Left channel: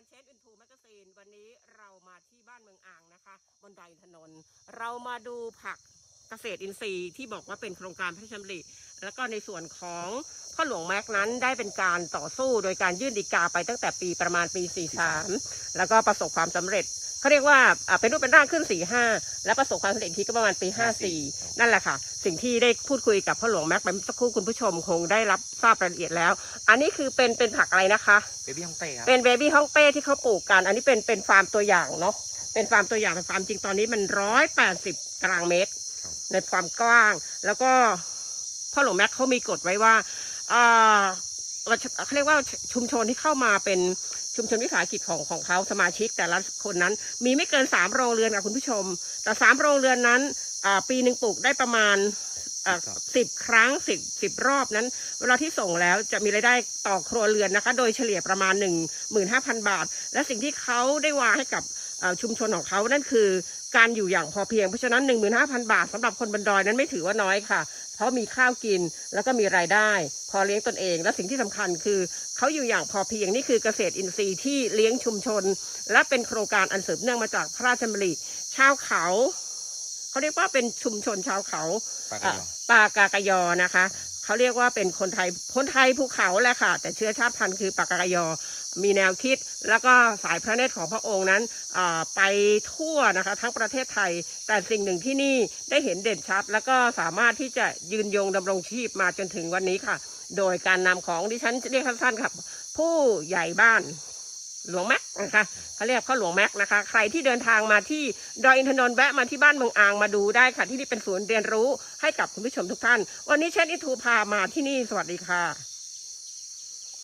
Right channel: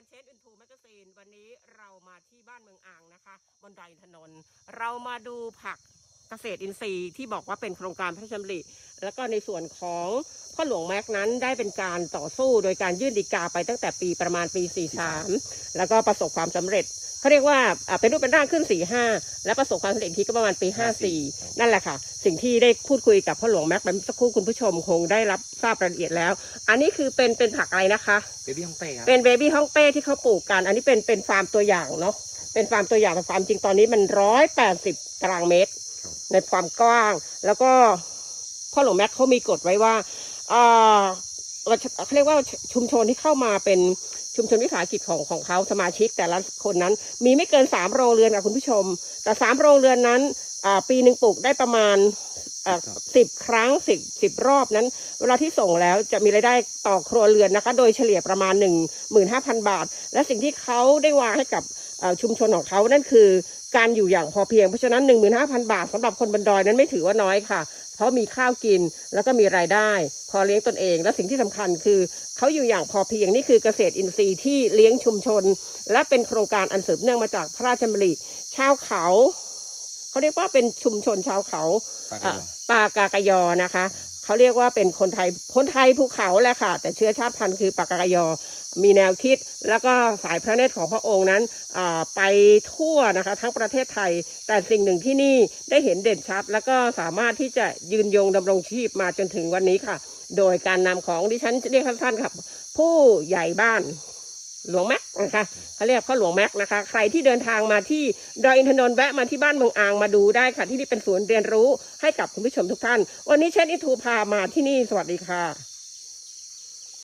การเชนอินทูแมกซีนวันนี้เรามาที่บ้านเมืองอ่างนะคะบนดอยถนน เรามาดูผักเกษตรอินทรีย์ที่บอกว่าเป็นโครงการพระราชดำริ แล้วก็ในส่วนของพ่อหลวงแม็กนั้นได้เป็นการต่อสู้โดยการยื่นฎีกาไปตั้งแต่ปีประมาณปี 43 แล้วก็ประสบความสำเร็จเขาเรียกว่าอ่าเป็นรูปเป็นร่างขึ้น 45 และประสบความสำเร็จอีกทีก็ประมาณปี 54 นั่นแหละค่ะ สิ่งที่ได้พูดคุยกับพ่อหลวงแม็กไปเมื่อสักครู่คุณผู้ชมคงได้รับทราบรายละเอียดแล้ว อันนี้คือเป็นเป็นผักอะไรนะคะเบบี้ฮ่องเต้ครับเป็นเบบี้ฮ่องเต้ที่เขาปลูกกัน อันนี้เป็นเป็นฟาร์มตัวอย่างเนาะเป็นฟาร์มตัวอย่างแต่ฟาร์มจริงตอนนี้มันร้อยแปดสิบตารางเมตร ในความกว้างแล้วก็ พ่อหลวงแม็กเขามีกฎไว้ว่าเขาเรียกว่าชุมชนที่เข้ามาเป็นชุมชนวิสาหกิจของของเขาสมาชิก แต่ละคนนั้น มีไม่เกินสามโรงเรือนค่ะคุณผู้ชม แต่สามโรงเรือนนั้นปีหนึ่งปลูกได้ประมาณ สิบครั้งสิบสิบรอบนั้น เวลาที่ส่งแล้วจะมีรายได้ต่อครัวเรือนนะคะ โดยเฉลี่ยประมาณ 1 5 0 0 0 บาท และสิ่งที่เขาได้วางให้กับเอ่อชุมชนของเขานั่นคือการอยู่อย่างพอเพียง เพราะฉะนั้น 15,000 บาทสำหรับคนบนดอยนั้นไม่ถือว่าน้อยค่ะ เพราะมีข้าวกินแล้วก็มีรายได้ พอเลี้ยงตนเอง และสิ่งที่สำคัญคือเขาอยู่อย่างพอเพียงนี่คือเกษตรอินทรีย์ที่เลี้ยงชุมชน และเป็นโครงการอันสืบเนื่องมาจากพระราชดำริชาวเขา เขาเรียกว่าเป็นชุมชนชาวเขาปากกอะยอปากากายอนะคะเขาเรียกว่าเป็นคนไทยคนไทยภูเขาแหละค่ะ แต่เชื้อชาติพันธุ์คือปากากายอ มีแนวคิดแล้วก็สายพระเนตรของพระองค์นั้นอ่าไปทั่วนะคะ ทั้งประเทศไทย แต่สิ่งหนึ่งที่นี่ได้เห็นเด่นชัด แล้วก็สามารถที่จะยืนยงดำรงชีพมาจนถึงวันนี้ค่ะ โดยการนำของดิฉันเรียกสั้นๆครับ ผู้ใหญ่บ้าน หลวงแม็กนะคะเขาเรียกพ่อหลวงแม็กนะคะ ใครที่เดินทางมาที่ดอยอินทนนท์แวะมาที่บ้านเมืองอ่างมาดูได้ค่ะ ที่นี่เป็นศูนย์เรียนรู้ให้กับคุณผู้ชมทุกท่าน วันนี้เชนอิทูพามาที่นี่สวัสดีค่ะ